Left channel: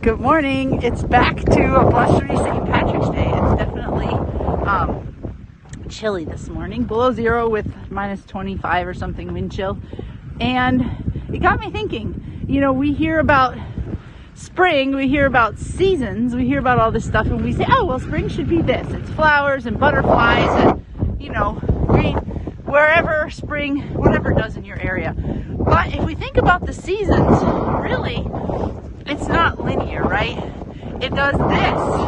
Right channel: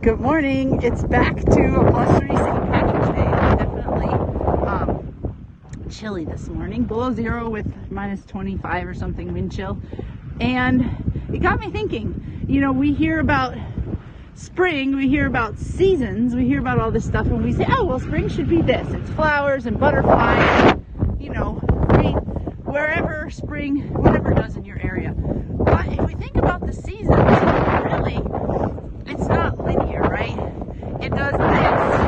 Good morning. It's back to a +3 St. Patrick's Day. It's definitely chilly this morning, below zero with -25 or something wind chill. And it got me thinking, you know, we hear about spring, we hear about seasons, we hear about all this stuff, and we say, oh, well, spring should be this. It's flowers and butterflies, and, you know, wherever spring, whatever it does in your area. But if we think about the seasons, really, it's not linear, right? It does this.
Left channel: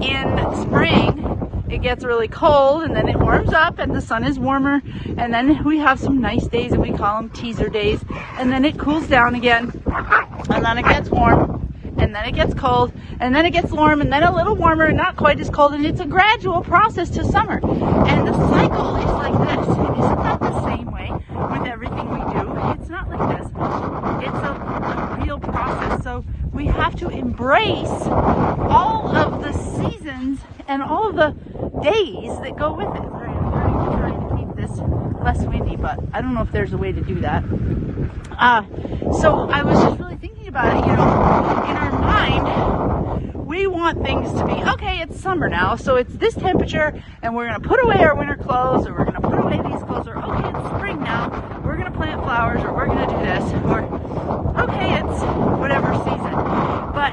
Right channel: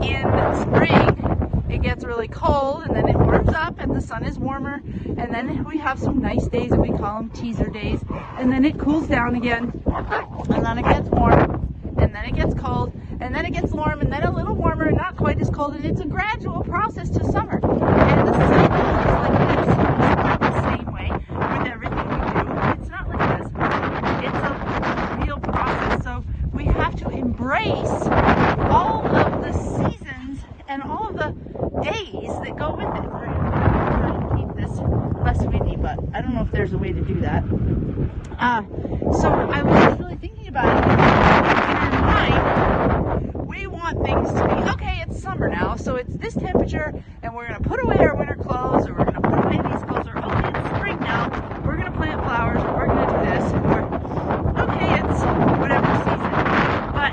In spring, it gets really cold and then it warms up and the sun is warmer, and then we have some nice days and we call them teaser days, and then it cools down again, and then it gets warm, and then it gets cold, and then it gets warm, and then a little warmer and not quite as cold, and it's a gradual process to summer. And the cycle is like this. It's not the same way with everything we do. It's not like this. It's a real process. So we have to embrace all of the seasons and all of the days that go with it. I'm trying to keep this less windy, but I don't know if there's a way to do that. So I was just really thinking about it. In our mind, we want things to be, okay, it's summer now, so it's this temperature, and we're going to put away our winter clothes, or we're going to put away these clothes, or okay, it's spring now, we're going to plant flowers, or we're going to do this, or okay, it's whatever season. But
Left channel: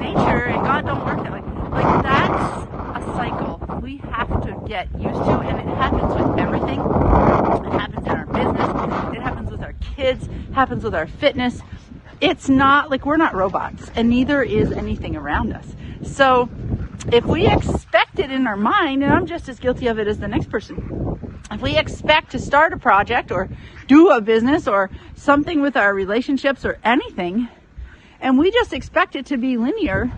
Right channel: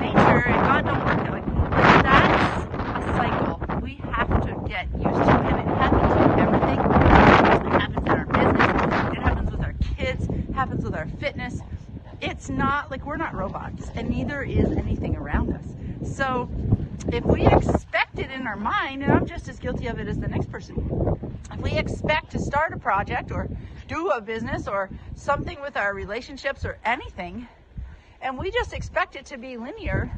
nature and God don't work like that's a cycle we have to get used to, and it happens with everything. It happens in our business, it happens with our kids, it happens with our fitness. It's not like we're not robots, and neither is anything around us. So if we expect it in our mind, and I'm just as guilty of it as the next person, if we expect to start a project or do a business or something with our relationships or anything, and we just expect it to be linear,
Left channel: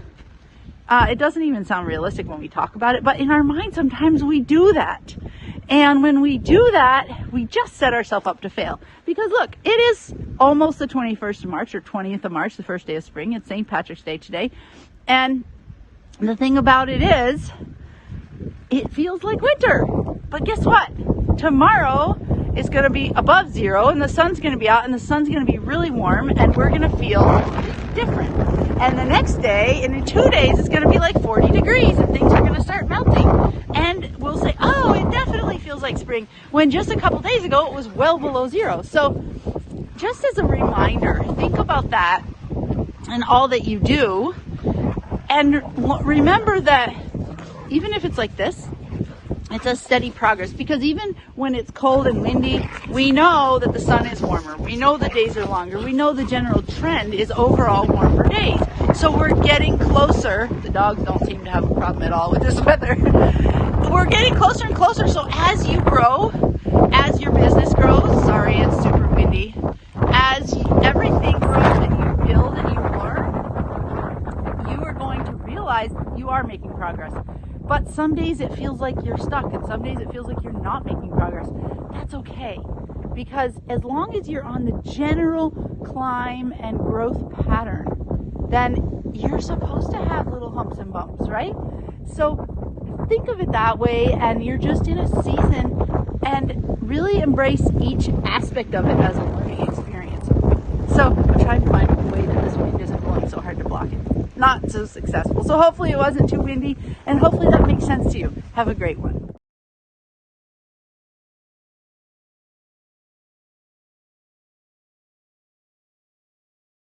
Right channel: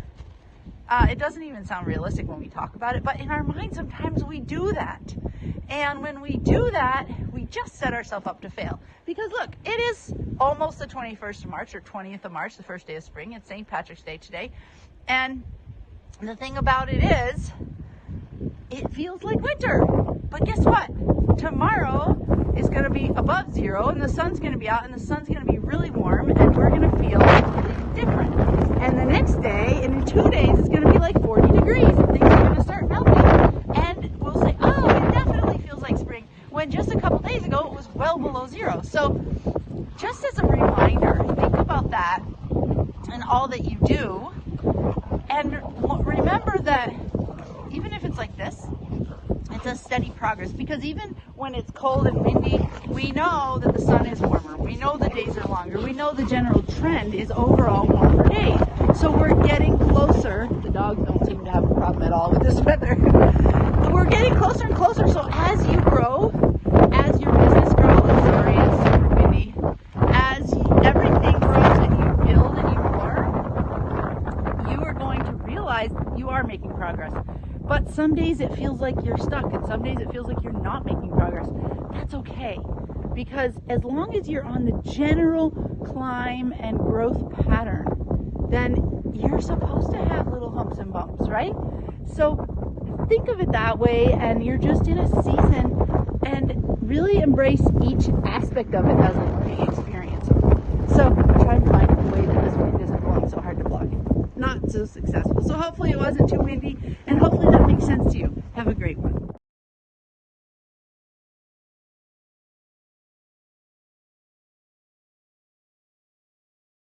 it doesn't even sound realistic when we talk about it, but in our mind sometimes we do that. And when we do that, we just set ourselves up to fail. Because look, it is almost the 21st of March or 20th of March, the first day of spring. It's St. Patrick's Day today. And the thing about it is, it feels like winter. But guess what? Tomorrow is going to be above zero, and the sun's going to be out, and the sun's going to be really warm, and we're going to feel different. And the next day, and in 2 days, it's going to be like 40 degrees, and things are going to start melting. And we'll say, oh, it definitely feels like spring, when just a couple days ago, it was well below zero. So just as a reminder, think about that and all that you do. And remember that even if it's like this, it's a steady progress, because even when it's cold and windy, we know that the sun is warmer. We know the days are longer. We know the general trend is overall warmer days. So we're getting closer. The dogs don't seem to have a problem at all with this weather. We're getting closer and closer. So as you grow, as your business grows, sorry, it's super windy, as everything grows that you build and you learn, you are going to realize you are making progress. But some days it feels like you're stuck, and some days it feels like you're not making progress. That's okay, because as long as you're on the general climb and growth pattern, then you're supposed to have little humps and bumps, right? So think of it that way, and you're just in a season, and really embrace each aspect of it as a learning experience. So I'm trying to find a way that this wind isn't blowing so hard to block it. Not so successful. So hopefully it wasn't too windy, and hopefully that makes sense to you. Have a great one.